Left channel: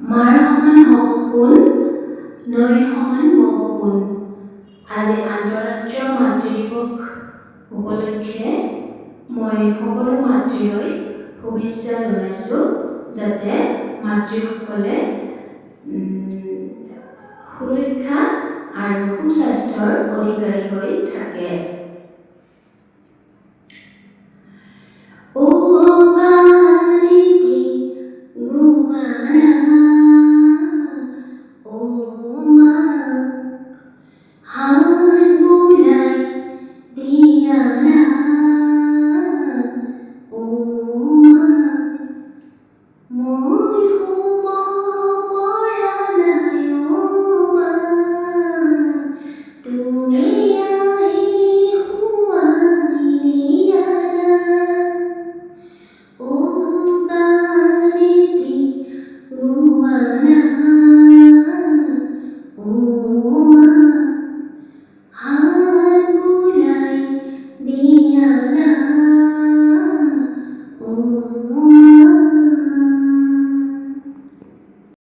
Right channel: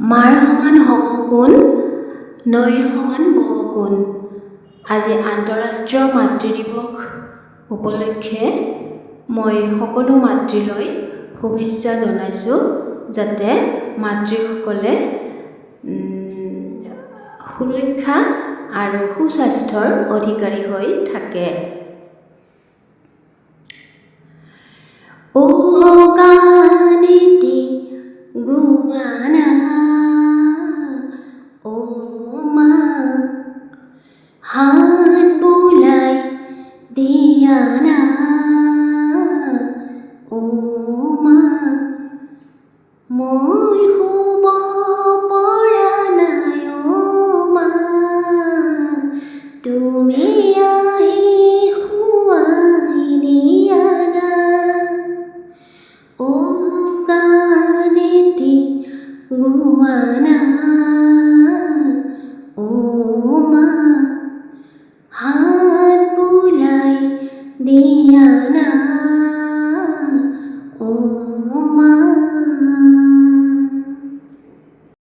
মাৰ সমান হ'ব কোন, নৈৰ সমান বব কোন। আজি আন্তঃৰাষ্ট্ৰীয় মাতৃ দিৱস উপলক্ষে মই সকলো মাতৃলৈ শুভেচ্ছা জনাইছোঁ, যাতে মাতৃসকলে সুৰক্ষা আৰু সুস্বাস্থ্যৰ অধিকাৰী হৈ থাকে। ও গানেটি গুৱানা, ও মা হাত বুলাই দিয়ানা, ও মা মই শুব পৰা নাই, ও মা তুমি আহি শুৱাই দিয়ানা। ও গানেটি গুৱানা, ও মা হাত বুলাই দিয়ানা, ও